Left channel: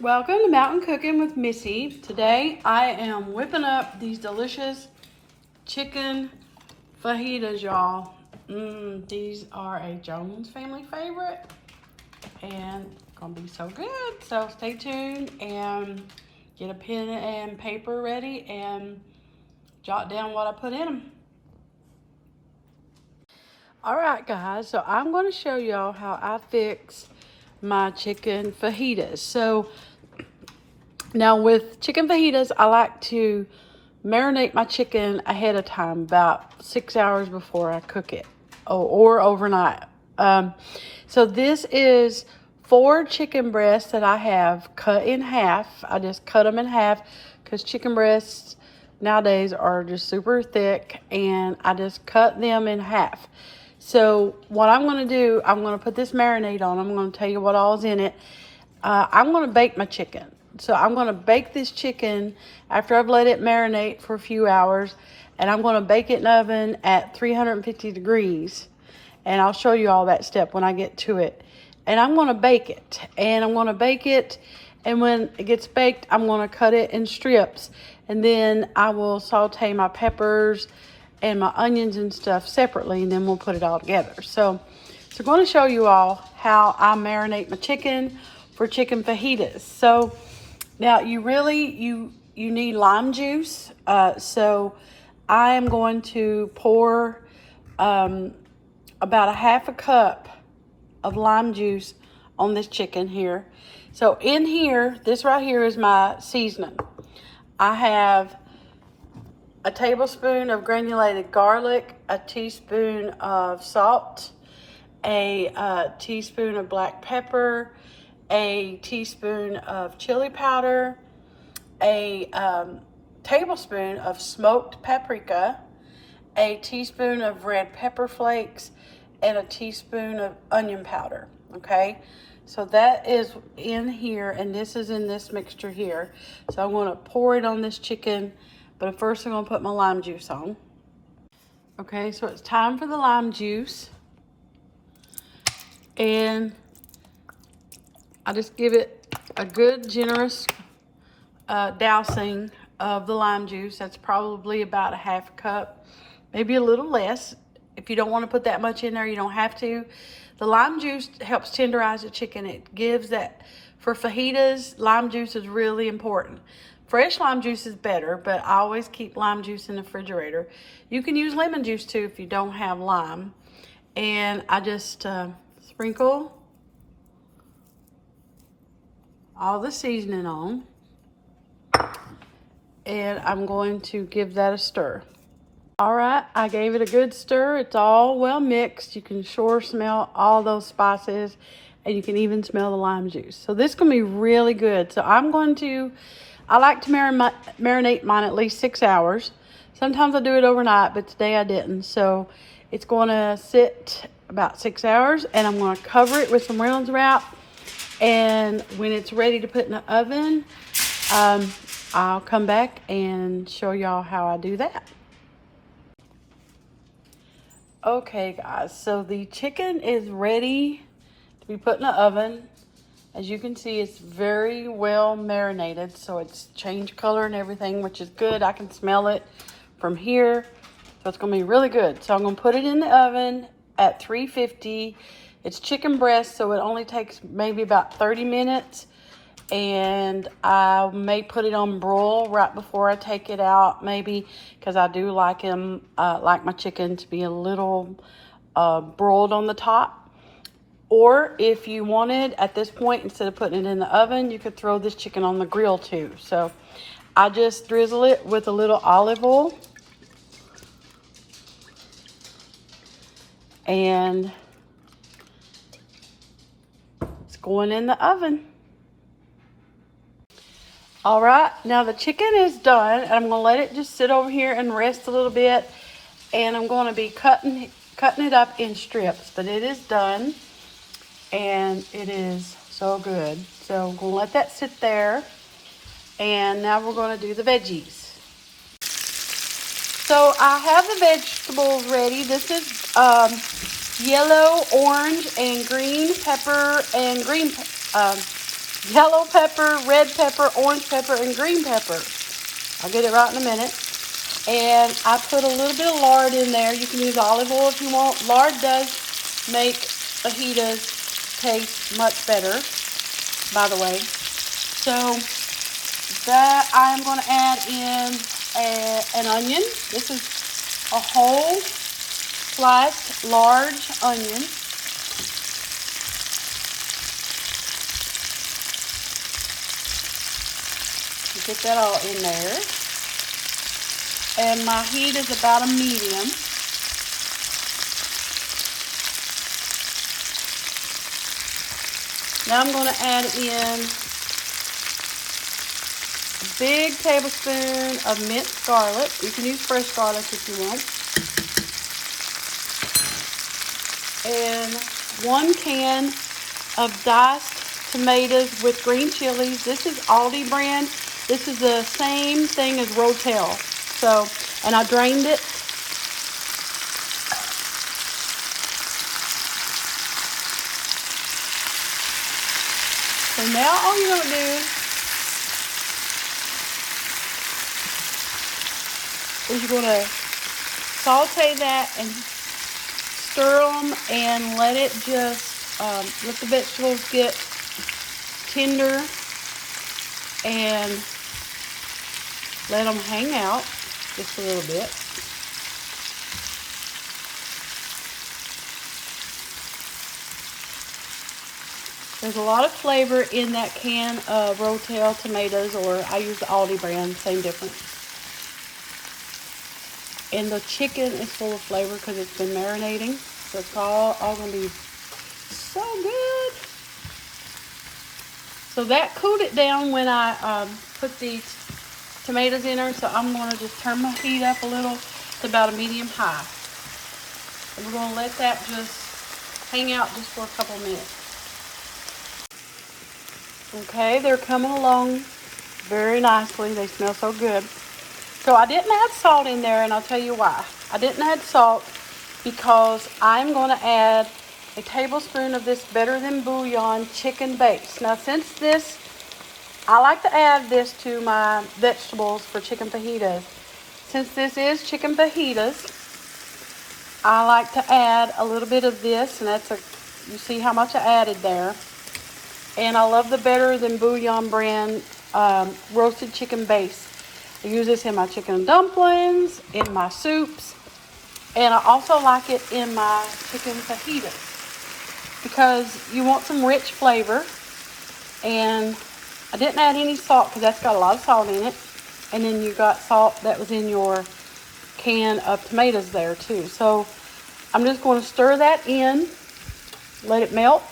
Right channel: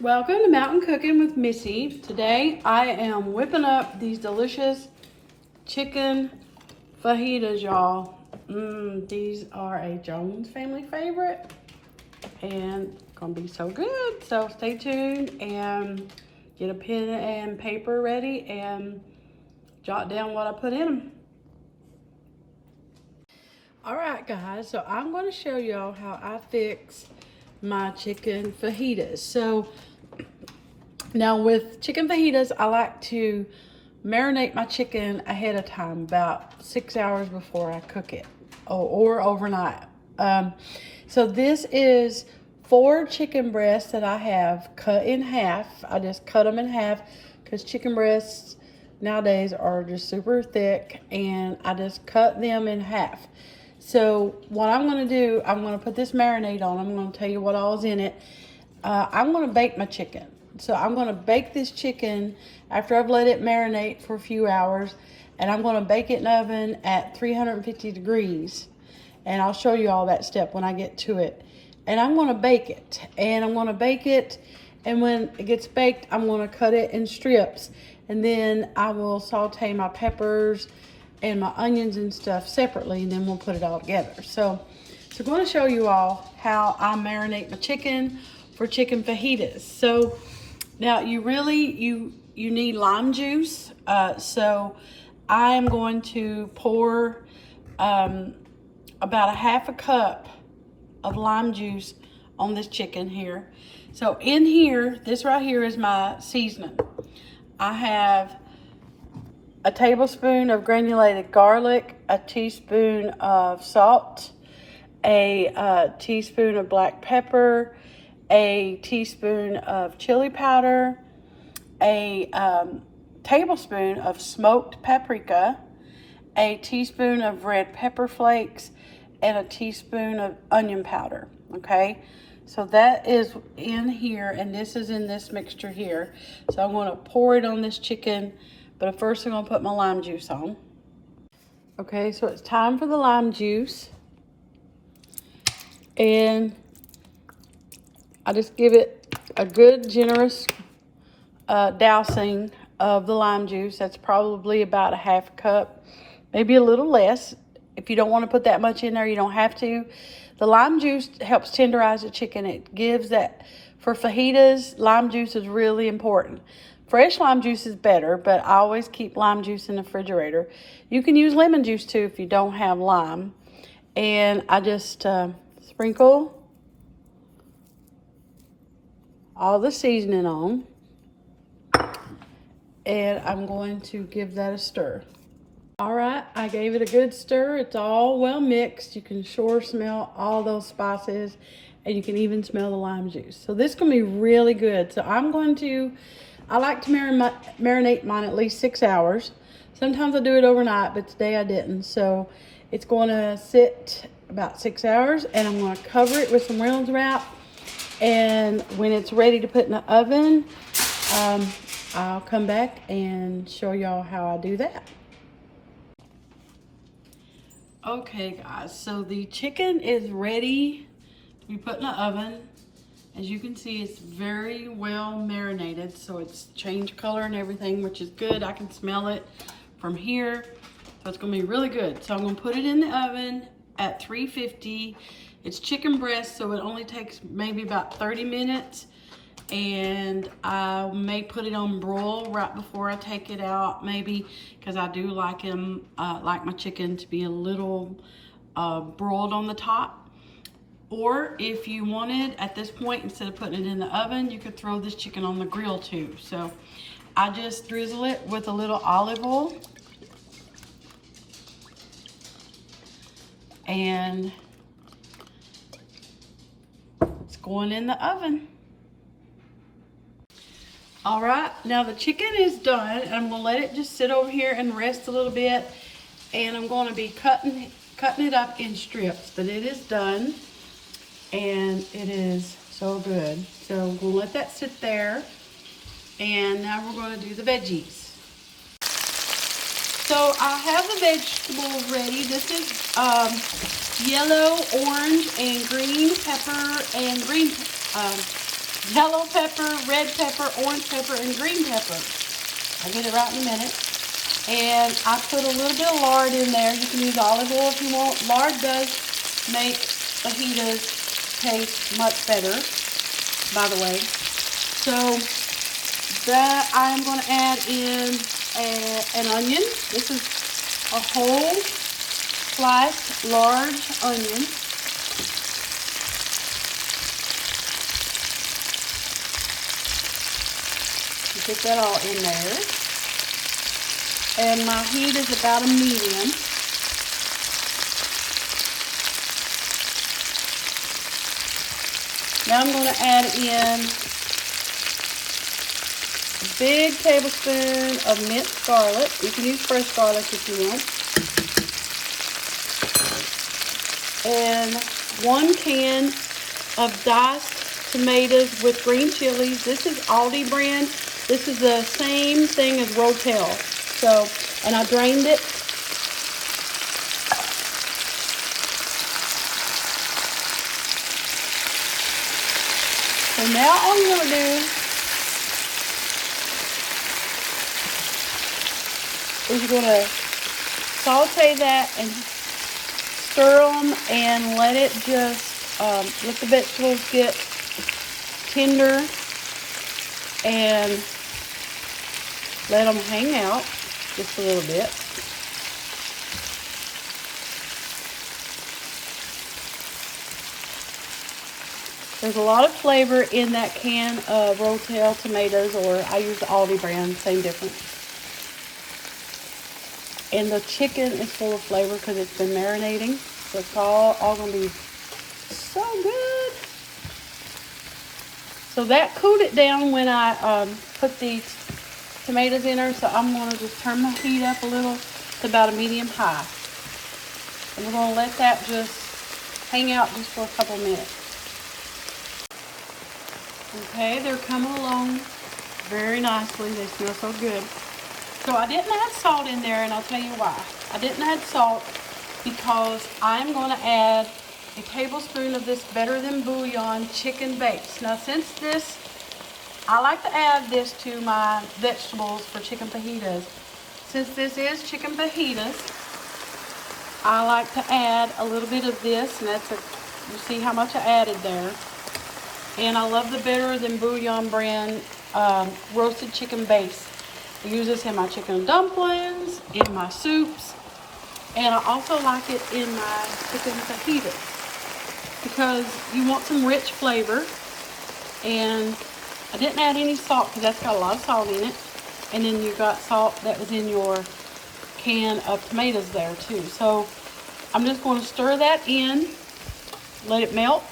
Welcome to Mountain Cooking with Missy. Today I am whipping up these delicious chicken fajitas, y'all. These are a Jones family favorite and gonna be so good. So stay tuned and get a pen and paper ready and jot down what I put in them. Alright guys, so I'm going to show y'all how I fix my chicken fajitas. So now with chicken fajitas, I like to marinate my chicken ahead of time, about 6 hours before I cook it, or overnight. So this is 4 chicken breasts that I have cut in half. I just cut them in half because chicken breasts nowadays are just super thick, and I just cut them in half. So what I'm going to do, I'm going to put this marinade on. I'm going to tell you what all is in it. I'm going to bake my chicken. So I'm going to bake this chicken after I've let it marinate for a few hours. And I'm going to bake it in the oven at 350 degrees. And I'll show you all that step when I get to it. And I'm going to bake it. And I'm going to bake it. And when it gets baked, I'm going to cut it in strips. And then I will saute my peppers and my onions and stuff separately, and then we'll put it all together. So I'm going to show you all how I marinate my chicken for chicken fajitas. So now you need lime juice. So I am going to pour about a half a cup of lime juice on this chicken here. So in here, this right here is my seasoning. I have a tablespoon of granulated garlic, a teaspoon of salt, a teaspoon of black pepper, a teaspoon of chili powder, a tablespoon of smoked paprika, a teaspoon of red pepper flakes, and a teaspoon of onion powder. Okay, so that is in here, and this is in this mixture here. So I'm going to pour it on this chicken. But first I'm going to put my lime juice on. Okay, so it's time for the lime juice. And I just give it a good generous dousing of the lime juice. That's probably about a half a cup, maybe a little less. If you don't want to put that much in there, you don't have to. The lime juice helps tenderize the chicken. It gives that, for fajitas, lime juice is really important. Fresh lime juice is better, but I always keep lime juice in the refrigerator. You can use lemon juice too if you don't have lime. And I just sprinkle all the seasoning on. And I'm going to give that a stir. All right, I gave it a good stir. It's all well mixed. You can sure smell all those spices, and you can even smell the lime juice. So this is going to be really good. So I like to marinate mine at least 6 hours. Sometimes I do it overnight, but today I didn't. So it's going to sit about 6 hours, and I'm going to cover it with some Reynolds wrap. And when it's ready to put in the oven, I'll come back and show y'all how I do that. Okay guys, so the chicken is ready to be put in the oven. As you can see, it's very well marinated, so it's changed color and everything, which is good. I can smell it from here, so it's gonna be really good. So I'm gonna put it in the oven at 350. It's chicken breast, so it only takes maybe about 30 minutes. And I may put it on broil right before I take it out, maybe, because I do like my chicken to be a little broiled on the top. Or if you wanted, at this point, instead of putting it in the oven, you could throw this chicken on the grill too. So I just drizzle it with a little olive oil. And it's going in the oven. All right, now the chicken is done, and I'm going to let it just sit over here and rest a little bit. And I'm going to be cutting it up in strips, but it is done. And it is so good. So I'm going to let that sit there. And now we're going to do the veggies. So I have the vegetables ready. This is yellow, orange, and green pepper and green yellow pepper, red pepper, orange pepper, and green pepper. I'll get it right in a minute. And I put a little bit of lard in there. You can use olive oil if you want. Lard does make fajitas taste much better, by the way. So that I'm going to add in an onion. This is a whole sliced large onion. You put that all in there. And my heat is about a medium. Now I'm going to add in a big tablespoon of minced garlic. You can use fresh garlic if you want. And 1 can of diced tomatoes with green chilies. This is Aldi brand. This is the same thing as Rotel. So, and I drained it. So now all you're going to do is you're going to saute that and stir them and let it just, let the vegetables get tender and let them hang out just a little bit. There's a lot of flavor in that can of Rotel tomatoes, or I use the Aldi brand, same difference. And the chicken is full of flavor because it's been marinating. So it's all going to be so good. So that cooled it down when I put the tomatoes in there. So I'm going to just turn my heat up a little to about a medium high. And we're going to let that just hang out just for a couple minutes. Okay, they're coming along very nicely. They smell so good. So I didn't add salt in there, and I'll tell you why. I didn't add salt because I'm going to add a tablespoon of this Better Than Bouillon chicken base. Now, since this, I like to add this to my vegetables for chicken fajitas. Since this is chicken fajitas, I like to add a little bit of this, and you see how much I added there. And I love the Better Than Bouillon brand roasted chicken base. I use this in my chicken dumplings, in my soups, and I also like it in my chicken fajitas because you want some rich flavor. And I didn't add any salt because that's got a lot of salt in it. And then you got salt that was in your can of tomatoes there too. So I'm just going to stir that in, let it melt.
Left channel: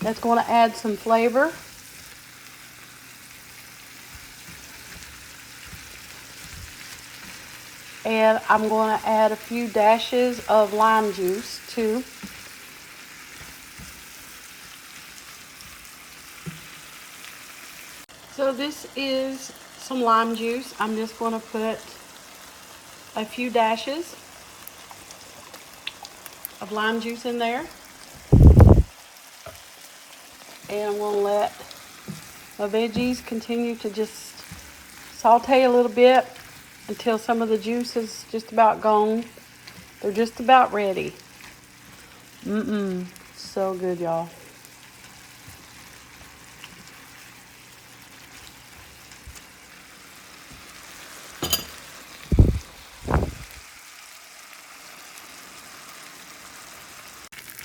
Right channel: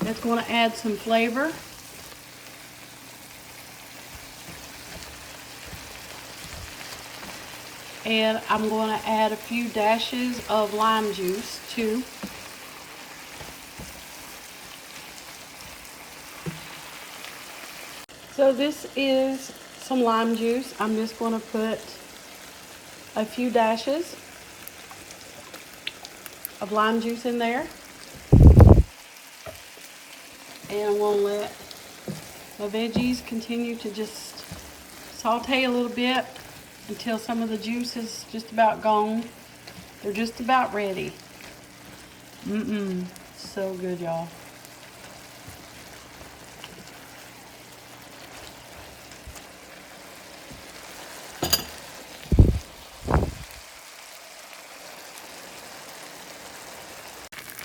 That's going to add some flavor. And I'm going to add a few dashes of lime juice too. So this is some lime juice. I'm just going to put a few dashes of lime juice in there. And I'm going to let my veggies continue to just saute a little bit until some of the juice is just about gone. They're just about ready. So good, y'all.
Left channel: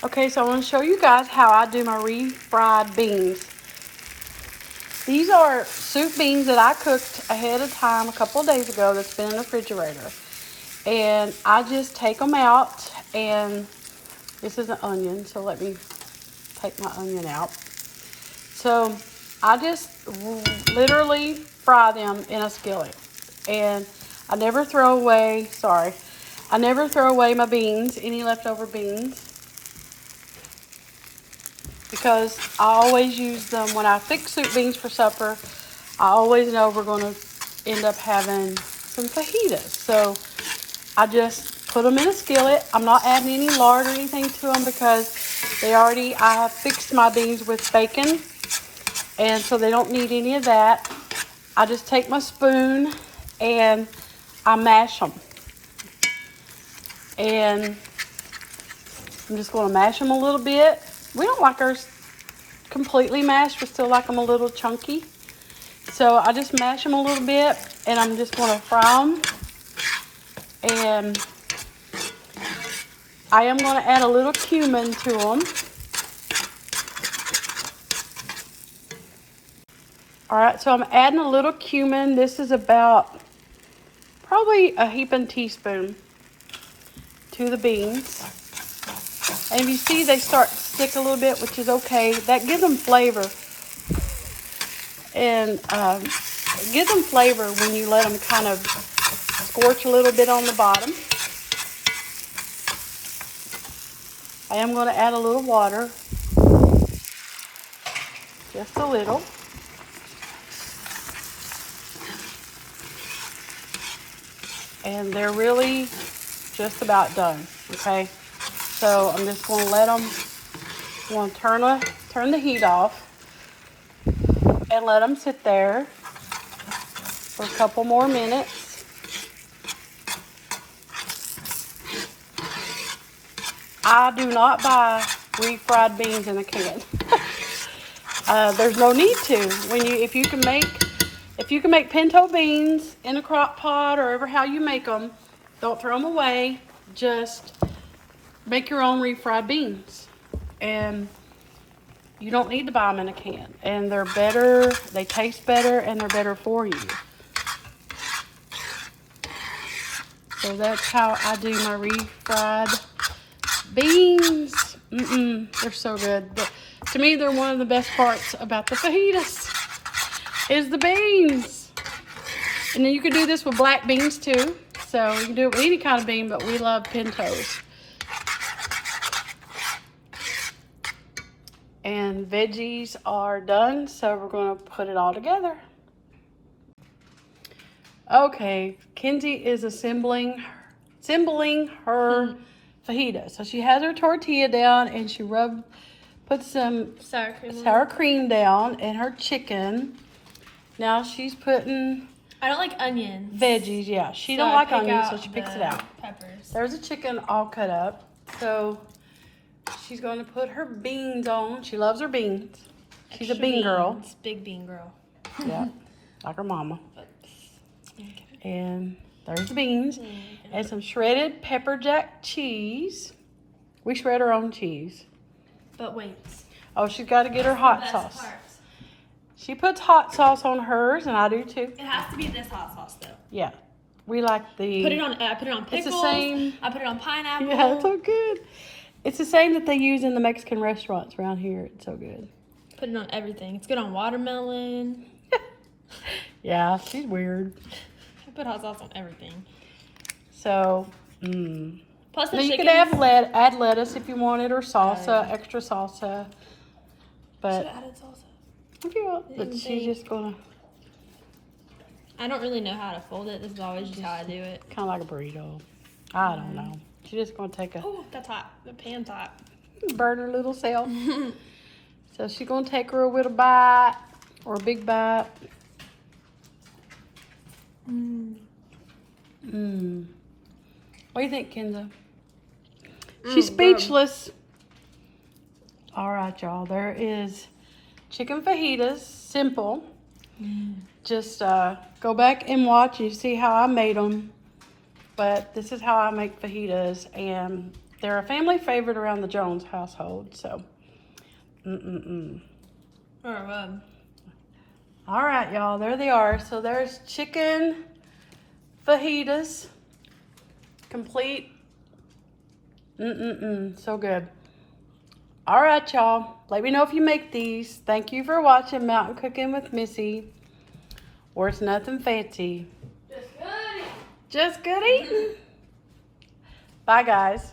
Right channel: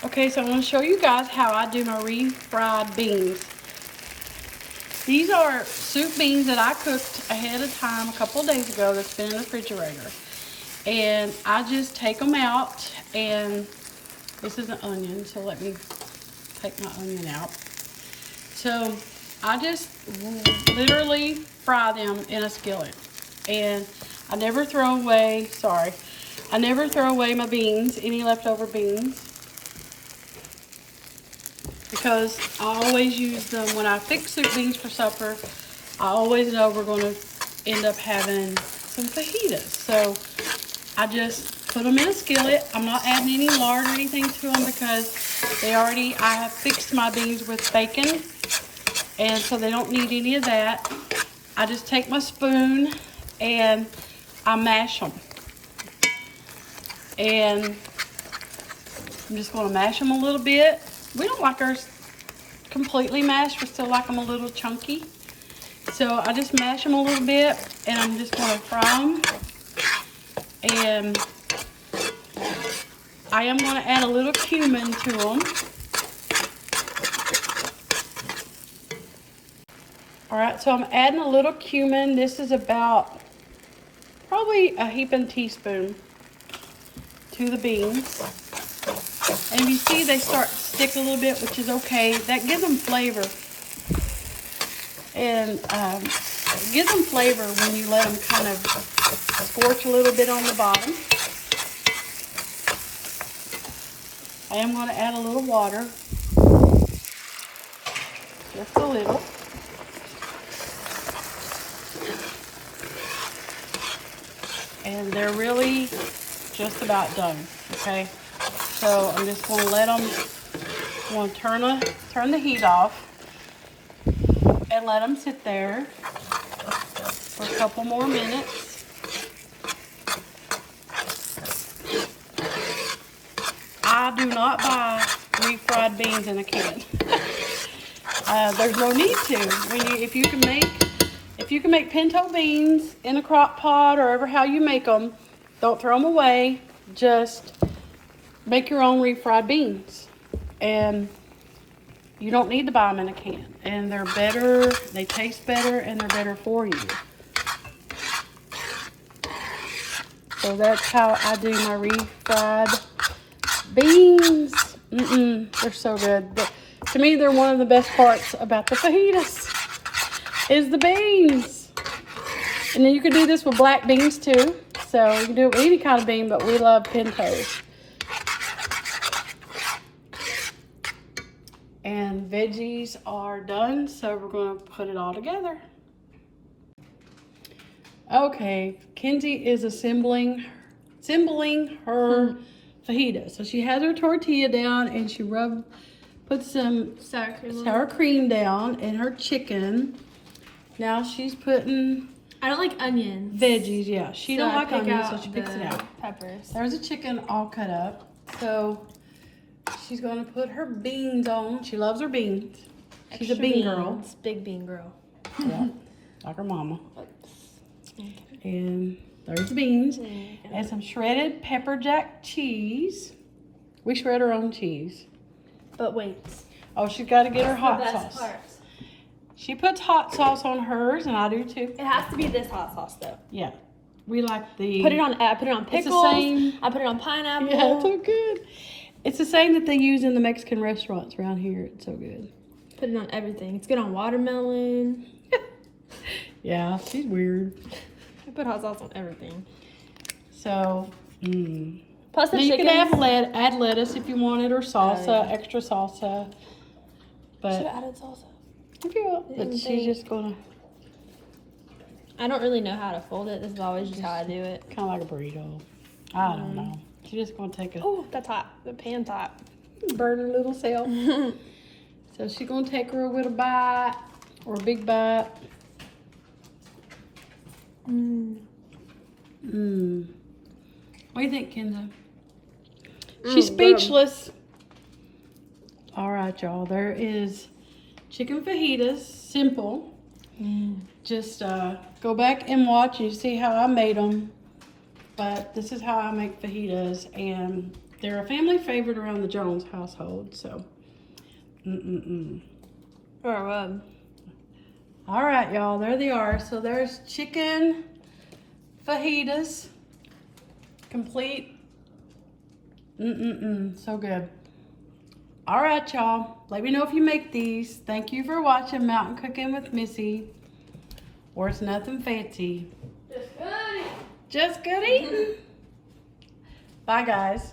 Okay, so I want to show you guys how I do my refried beans. These are soup beans that I cooked ahead of time a couple of days ago that's been in the refrigerator. And I just take them out, and this is an onion, so let me take my onion out. So I just literally fry them in a skillet. And I never throw away, I never throw away my beans, any leftover beans. Because I always use them when I fix soup beans for supper. I always know we're going to end up having some fajitas. So I just put them in a skillet. I'm not adding any lard or anything to them because I have fixed my beans with bacon. And so they don't need any of that. I just take my spoon and I mash them. And I'm just going to mash them a little bit. We don't like ours completely mashed. We still like them a little chunky. So I just mash them a little bit, and I'm just going to fry them. And I am going to add a little cumin to them. All right, so I'm adding a little cumin. This is about probably a heaping teaspoon to the beans. And you see they start to stick a little bit, which is okay. That gives them flavor. And it gives them flavor when you let them kind of scorch a little bit on the bottom. I am going to add a little water. Just a little. And they're really just about done, okay? So I'm just going to let them, I'm going to turn the heat off and let them sit there for a couple more minutes. I do not buy refried beans in a can. There's no need to. If you can make pinto beans in a crock pot or ever how you make them, don't throw them away. Just make your own refried beans. And you don't need to buy them in a can. And they're better, they taste better, and they're better for you. So that's how I do my refried beans. They're so good. To me, they're one of the best parts about the fajitas is the beans. And then you can do this with black beans too. So you can do it with any kind of bean, but we love pintos. And veggies are done, so we're going to put it all together. Okay, Kenzie is assembling her fajita. So she has her tortilla down, and she put some sour cream down in her chicken. Now she's putting... I don't like onions. Veggies, yeah. She don't like onions, so she picks it out. Peppers. There's a chicken all cut up. So she's going to put her beans on. She loves her beans. She's a bean girl. Big bean girl. Yeah, like her mama. And there's the beans. And some shredded pepper jack cheese. We shred our own cheese. But wait. Oh, she's got to get her hot sauce. She puts hot sauce on hers, and I do too. It has to be this hot sauce, though. Yeah. We like the... I put it on pickles. It's the same. I put it on pineapple. Yeah, it's so good. It's the same that they use in the Mexican restaurants around here. It's so good. Put it on everything. It's good on watermelon. Yeah, she's weird. I put hot sauce on everything. So, Plus the now you could add lettuce if you wanted, or salsa, extra salsa. But should have added salsa. If you want, but she's just gonna... I don't really know how to fold it. This is always just how I do it. Kind of like a burrito. I don't know. She's just gonna take a... Oh, that's hot. The pan's hot. Burn her little self. So she's gonna take her a little bite, or a big bite. What do you think, Kenza? She's speechless. All right, y'all. There is chicken fajitas. Simple. Just go back and watch and you see how I made them. But this is how I make fajitas, and they're a family favorite around the Jones household. So, All right, y'all. There they are. So there's chicken fajitas, complete. So good. All right, y'all. Let me know if you make these. Thank you for watching Mountain Cooking with Missy, or it's nothing fancy. Just good eating. Bye, guys.